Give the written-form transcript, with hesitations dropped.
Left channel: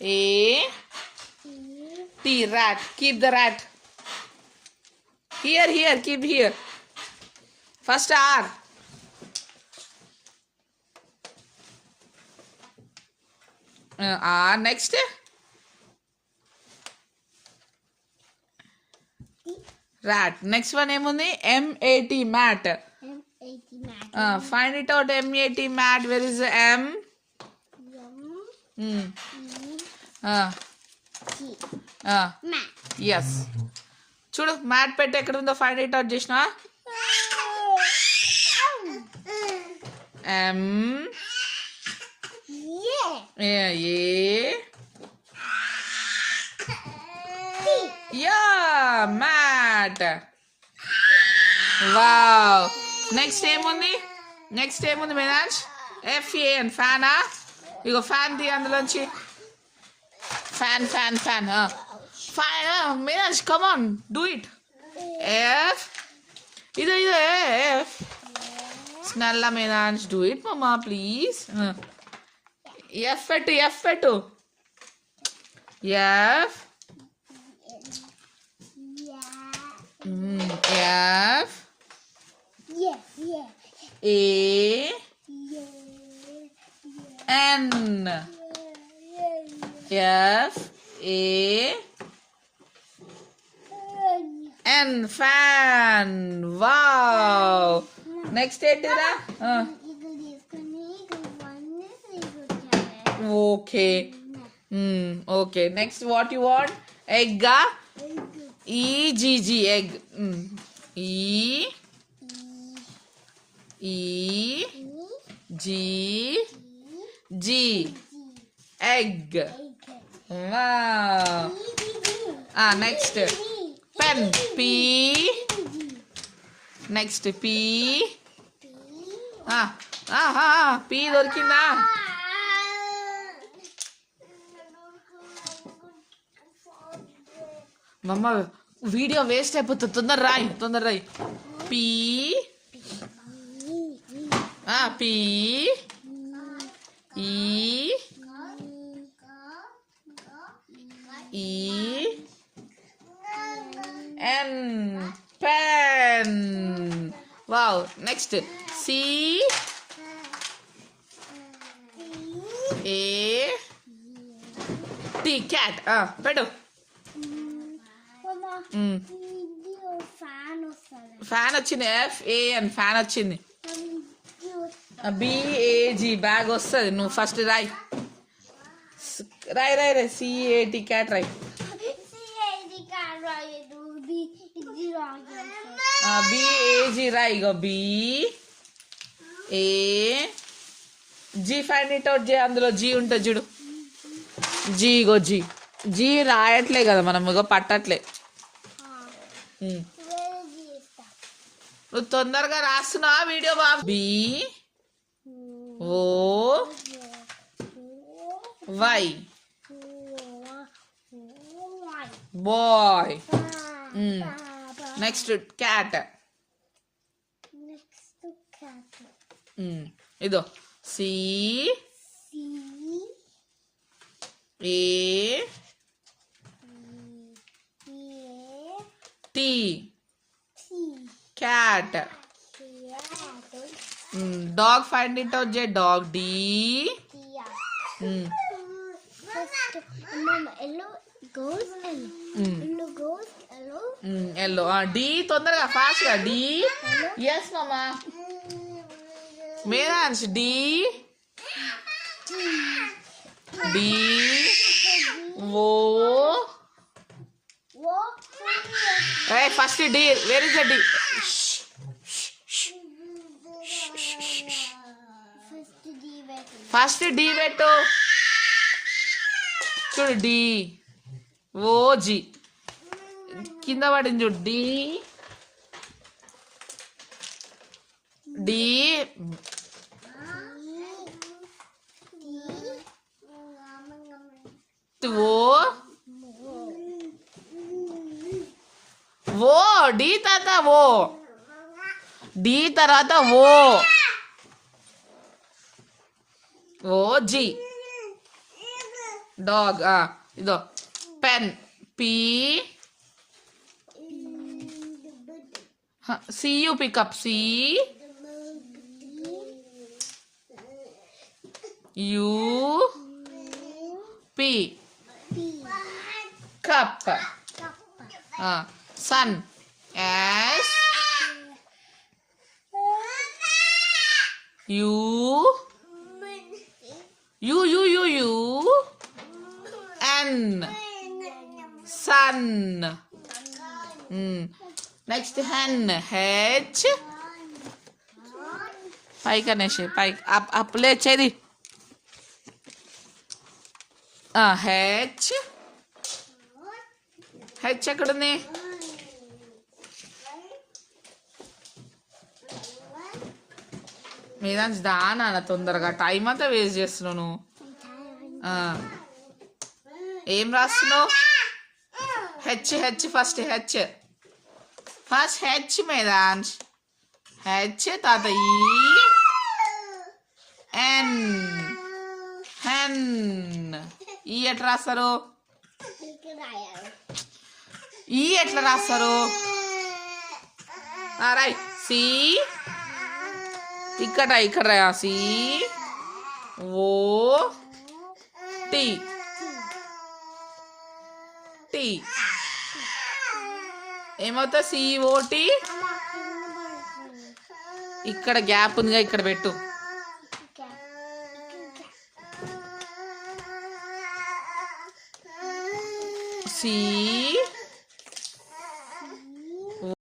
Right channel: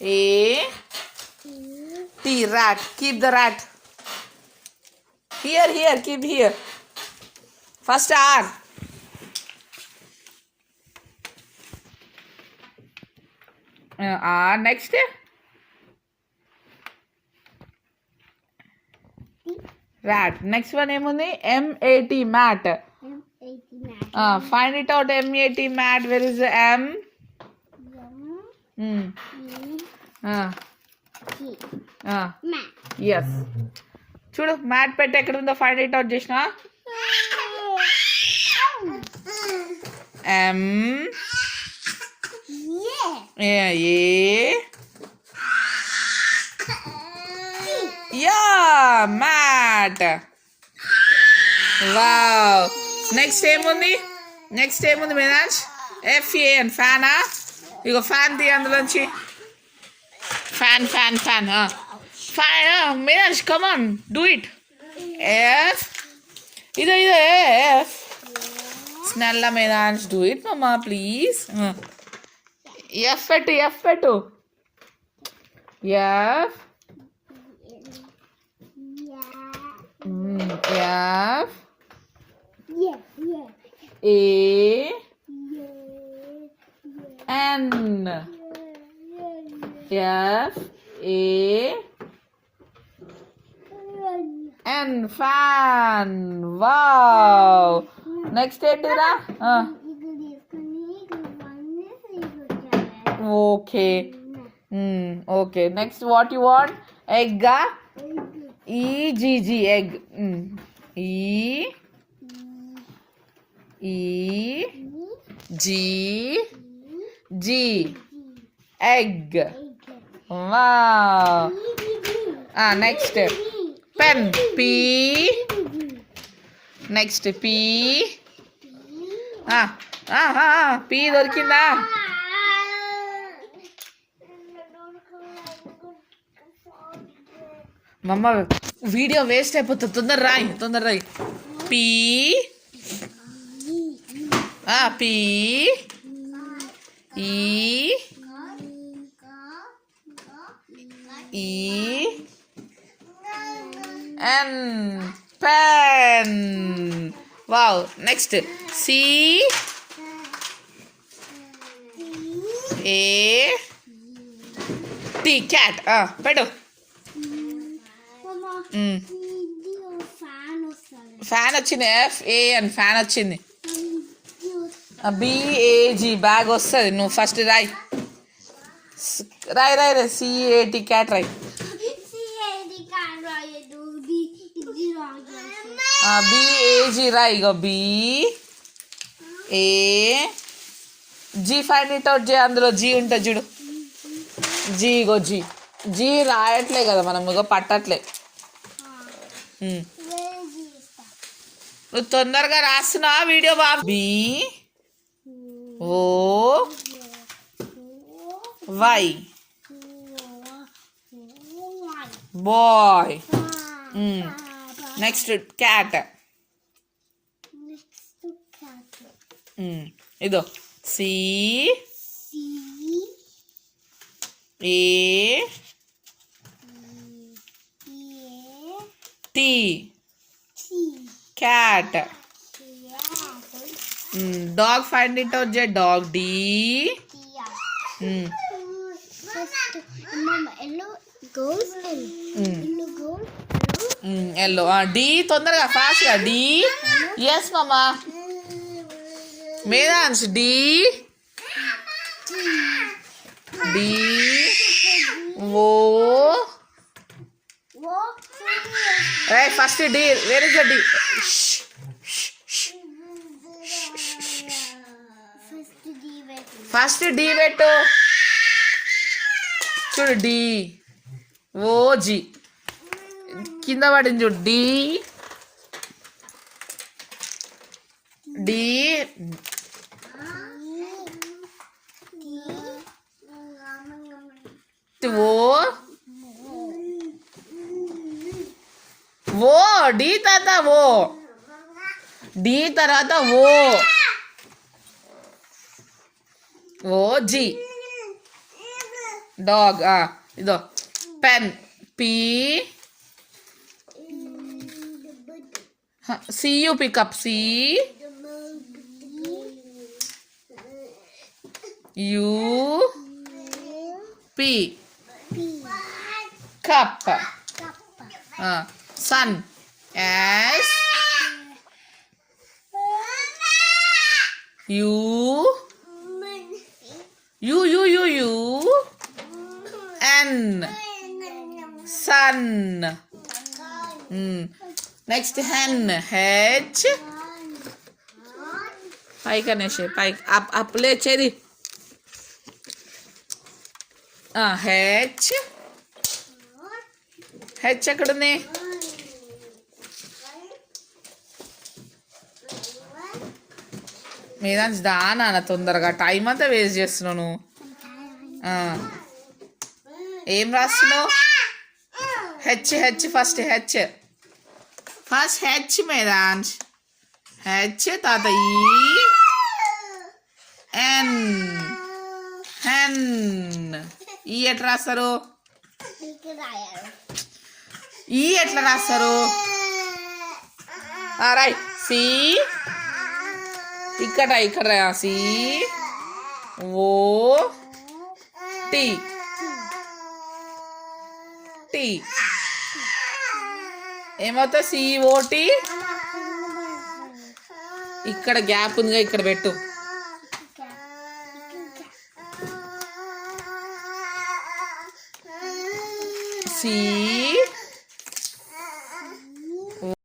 A T, rat. Keep the rat. Here, keep here. First R. R next. Rat. Next one emundi? M-A-T, mat. Find it out. M-A-T, mat. Where is the M? Yes. చూడు mat పెట్టి ఎక్కడ ఉందో find it out చేసిన M mat. Wow. Next ఏముంది Meenaz? FAN, ఫ్యానా? ఇగో fan తీ అందులోంచి. Fan Meenaz, come on, do it. F. ఇదో F. స్నెల్ల Meenaz, do it mamma please. F పెట్టు. F. F. A. N. F. A. N. Fan. Wow. Next ఏంటిరా? Okay. Next what you want? Egg. E-G-G, egg. E-G-G, egg. Wow. Next pen. P. Next P. P దొరికిందా? మమ్మ video waste అయిపోతుంది. తొందర రాయి. P. P. E. N. Pen. Wow. Next C. A. T. Cat. పెట్టు. ఫ్యాన్ వచ్చింది. FAN, fan వచ్చింది. BAG, bag వస్తుంది. నువ్వు ఫస్ట్ రాయి. CAT, క్యాట్ రాయి. BAG రాయి. ఇగో BAG. ఫైండ్ ఇట్ అవుట్ చేయి. అందులో G ఉంటుంది చూడు. G రాయట్లే కదా మనం, ఇగో పట్టట్లే. నువ్వు తొందరగా రాస్తున్నా వీడియో బాబు. BOY, boy. Next cat. ఇదో C A T, cat. Dog, find it out. Dog. D. Yellow goes yellow. D. తొందరగా ఫాస్ట్ గా. D. Yes mama. Meerans. D. O. First D. Where is the D? First D పెట్టు. చూడు D. OG. కింద పడింది చూడు. D. ఓ D తర్వాత D తర్వాత OG. డాగ్. ఇదో pen. P. C U pickup. C. U. P. Cup. Sun. S. U. U. N. Sun. Next hen. H. పైకి అనేసి పైకి అప్ లేచేది. హెచ్. హెచ్ ఎక్కడుంది? మీద దానా తొందరగా టైం అంతా వేస్ట్ చేస్తున్నావు నువ్వు. ఏం రాస్తున్నావు? H. H first. H first. H మేదాన్స్. హెచ్ తాత. ఈ. ఎన్. హెన్. ఈ ఎట్లా రాస్తారు? ఈ ఎట్లా రాస్తారు? రాయ్. సి. ఇక్కడ రా. సి. ఓ. టి. టి ఏమవుతా? సిఓటి. ఇక్కడ గ్యాప్ ఉందిగా, ఇక్కడ పెట్టు.